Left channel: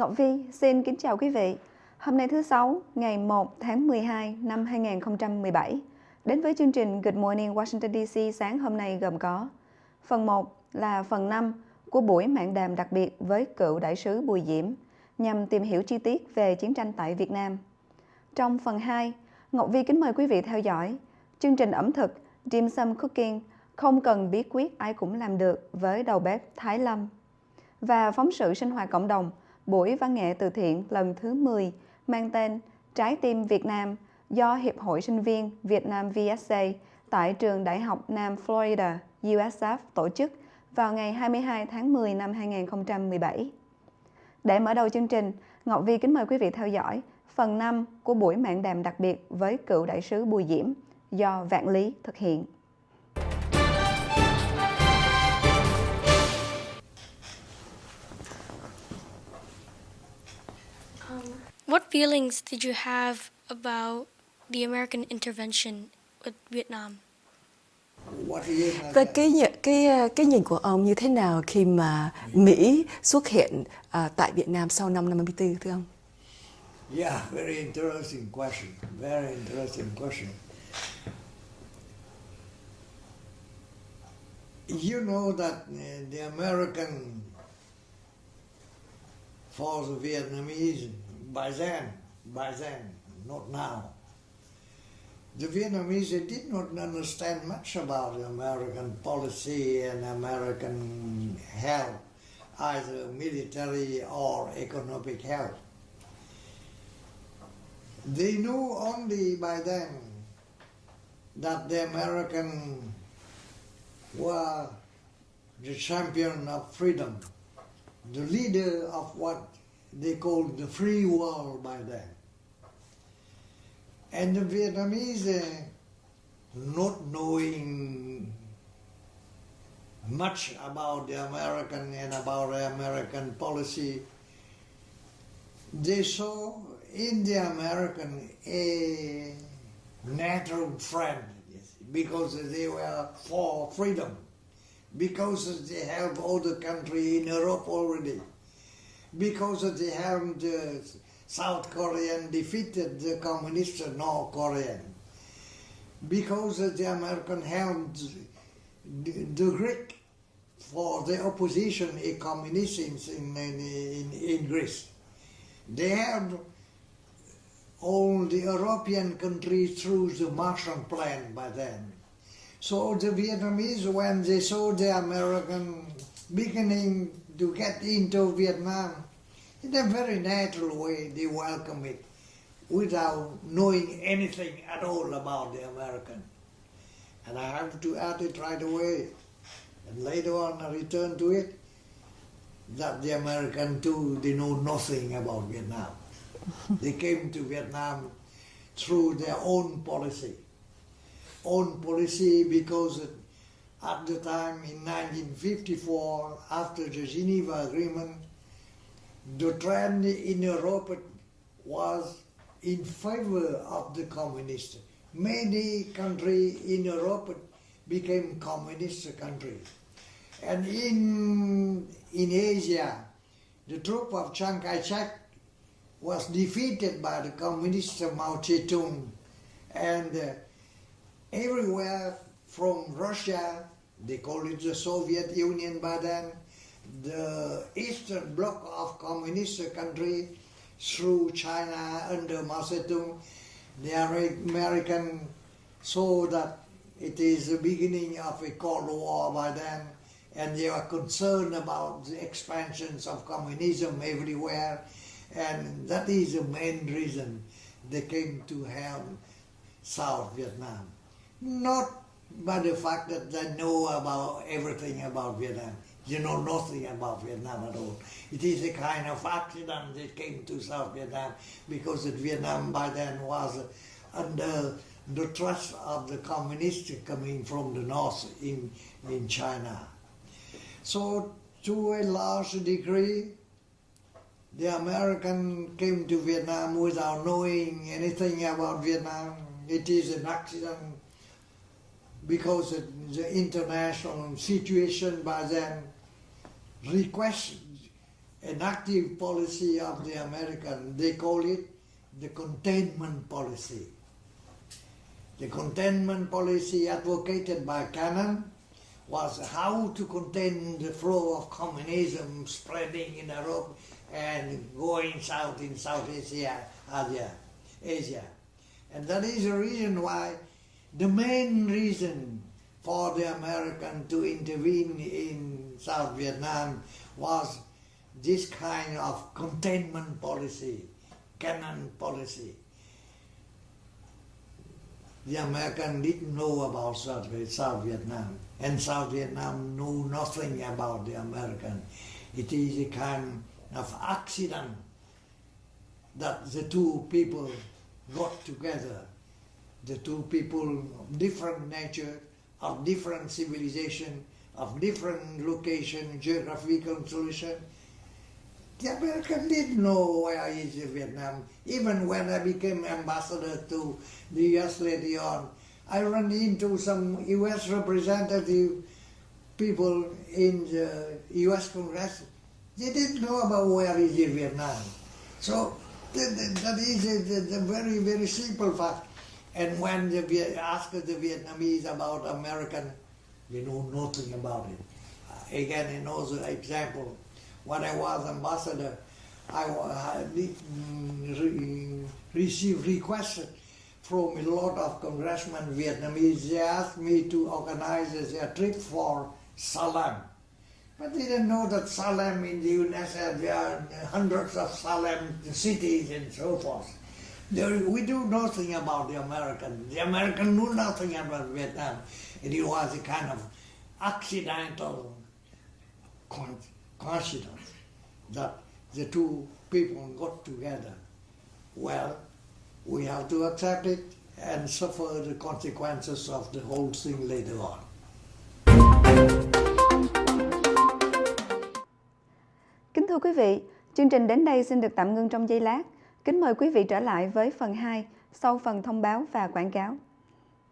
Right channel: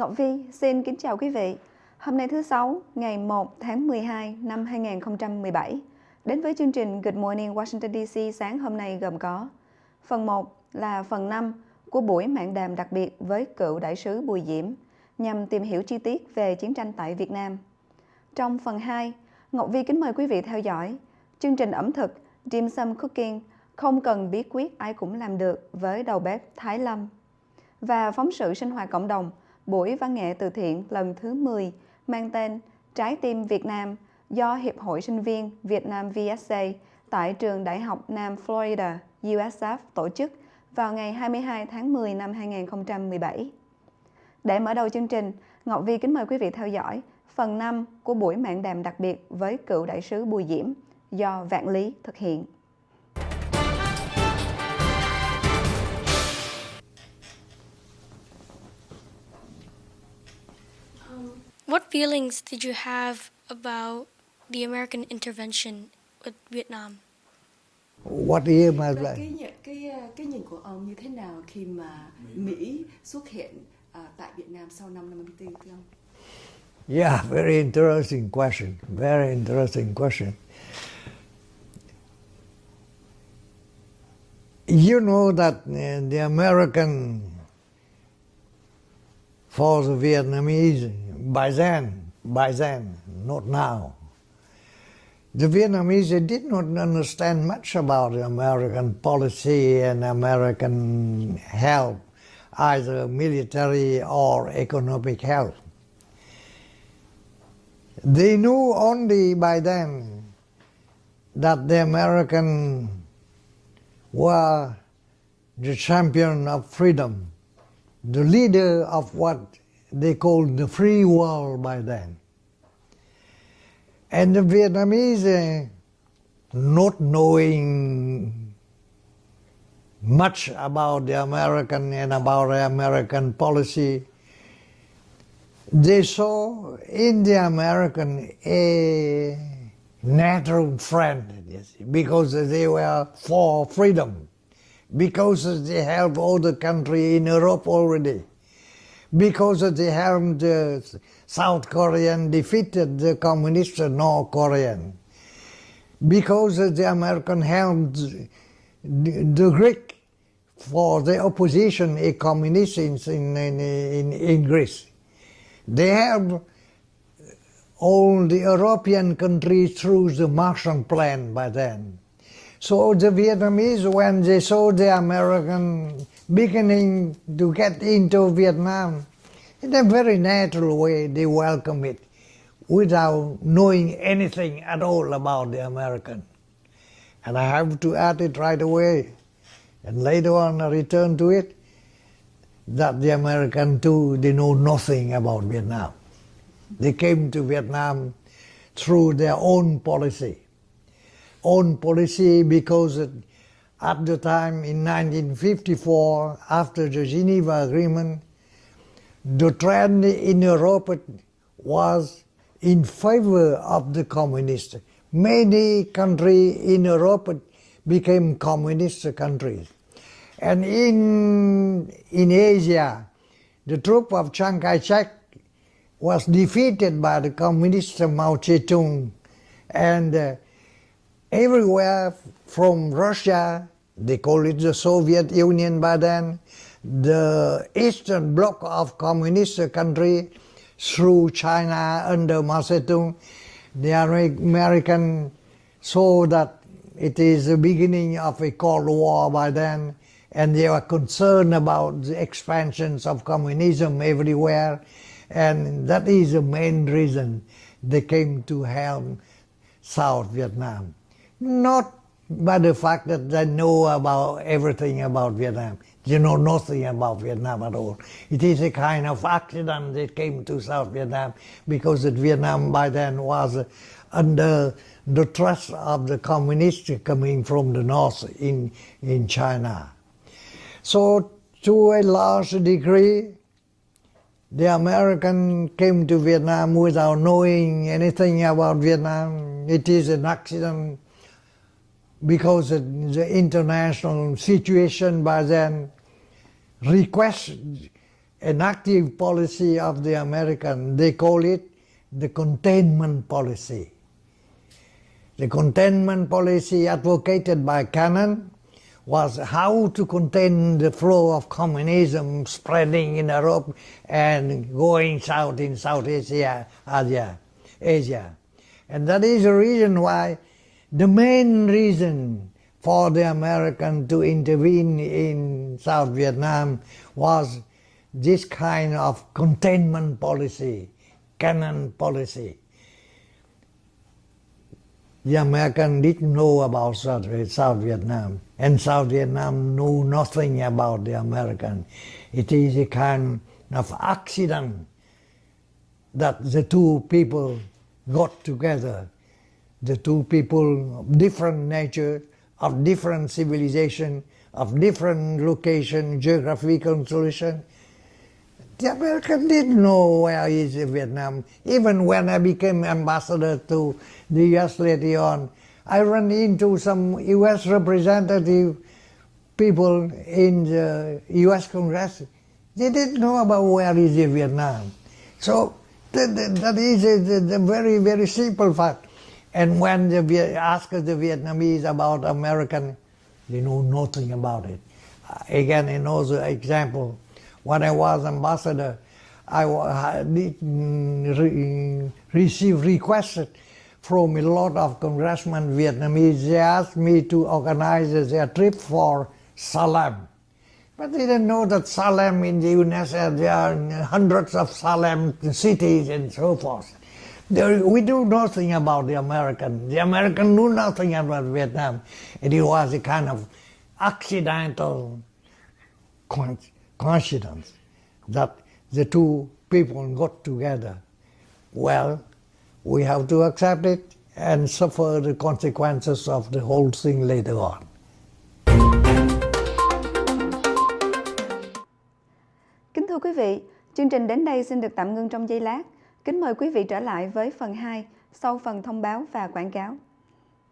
Ngọc Vi xin kính chào quý vị. Hôm nay thứ Sáu, ngày 1 tháng 12 năm 2017. Đến với chương trình Good Morning Washington D.C. sáng hôm nay gồm có phần 1 là phần 5 của buổi mạn đàm đặc biệt với cựu đại sứ Bùi Diễm nhằm tìm hiểu chi tiết về chiến tranh tại Việt Nam. Trong phần 2, Ngọc Vi kính mời quý vị theo dõi chương trình ẩm thực Dim Sum Cooking không cần bí quyết ai cũng làm được với đầu bếp Thái Lâm. Và phóng sự sinh hoạt cộng đồng Buổi văn nghệ từ thiện lần thứ 10 mang tên Trái tim Việt Nam do Hiệp hội Sinh viên Việt Nam VSA tại trường Đại học Nam Florida, USF tổ chức vào ngày 22 tháng 10 năm 2017. Để mở đầu chương trình, Ngọc Vi kính mời quý vị theo dõi phần 5 của buổi mạn đàm đặc biệt với cựu đại sứ Bùi Diễm do Vạn-Lý thực hiện. What feelings did you have about the American intervention with Vietnam? Và cái nhìn của ông như thế nào khi mà Mỹ xuất hiện tại Việt Nam sau năm 54 thưa ông? Yeah, very interesting question. Very interesting question. You know that the American for the Vietnamese by then, not now. The Vietnamese did not understand much about the American policy and American help, either military or economic help. They knew only by then that the Americans were the champion of freedom, the leader of what they called the free world by then. And the Vietnamese, not knowing much about the American and about the American policy, they saw in the American a natural friend, because they were for freedom, because they helped all the country in Europe already, because they helped the South Korean defeated the communist North Korean, because the American helped the Greek for the opposition a communist in Greece. They helped all the European countries through the Marshall Plan by then. So the Vietnamese, when they saw the American beginning to get into Vietnam, in a very natural way they welcome it without knowing anything at all about the American. And I have to add it right away, and later on I return to it, that the American too, they know nothing about Vietnam. They came to Vietnam through their own policy. Own policy because at the time in 1954, after the Geneva Agreement, the trend in Europe was in favor of the communists. Many countries in Europe became communist countries. And in Asia, the troop of Chiang Kai-shek was defeated by the communist Mao Zedong. And everywhere from Russia, they call it the Soviet Union by then, the Eastern Bloc of communist country through China under Mao Zedong, the American saw that it is the beginning of a Cold War by then, and they were concerned about the expansions of communism everywhere, and that is the main reason they came to help South Vietnam. Not by the fact that they know about everything about Vietnam. They know nothing about Vietnam at all. It is a kind of accident they came to South Vietnam, because Vietnam by then was under the trust of the communists coming from the north in China. So to a large degree, the American came to Vietnam without knowing anything about Vietnam. It is an accident because the international situation by then requests an active policy of the American. They call it the containment policy. The containment policy advocated by Cannon was how to contain the flow of communism spreading in Europe and going south in South Asia. And that is the reason why, the main reason for the American to intervene in South Vietnam was this kind of containment policy, Cannon policy. The American didn't know about South Vietnam, and South Vietnam knew nothing about the American. It is a kind of accident that the two people got together. The two people of different nature, of different civilization, of different location, geographical solution. The American didn't know where is Vietnam. Even when I became ambassador to the U.S. later on, I ran into some U.S. representative people in the U.S. Congress. They didn't know about where is Vietnam. So that is a very, very simple fact. And when they ask the Vietnamese about American, they know nothing about it. Again, another example. When I was ambassador, I received requests from a lot of congressmen Vietnamese. They asked me to organize their trip for Salem. But they didn't know that Salem in the United States, there are hundreds of Salem cities and so forth. We do nothing about the American. The American knew nothing about Vietnam. And it was a kind of accidental coincidence that the two people got together. Well, we have to accept it and suffer the consequences of the whole thing later on. Kính thưa quý vị, chương trình đến đây xin được tạm ngưng trong giây lát. Kính mời quý vị trở lại với phần 2 sau phần thông báo và quảng cáo.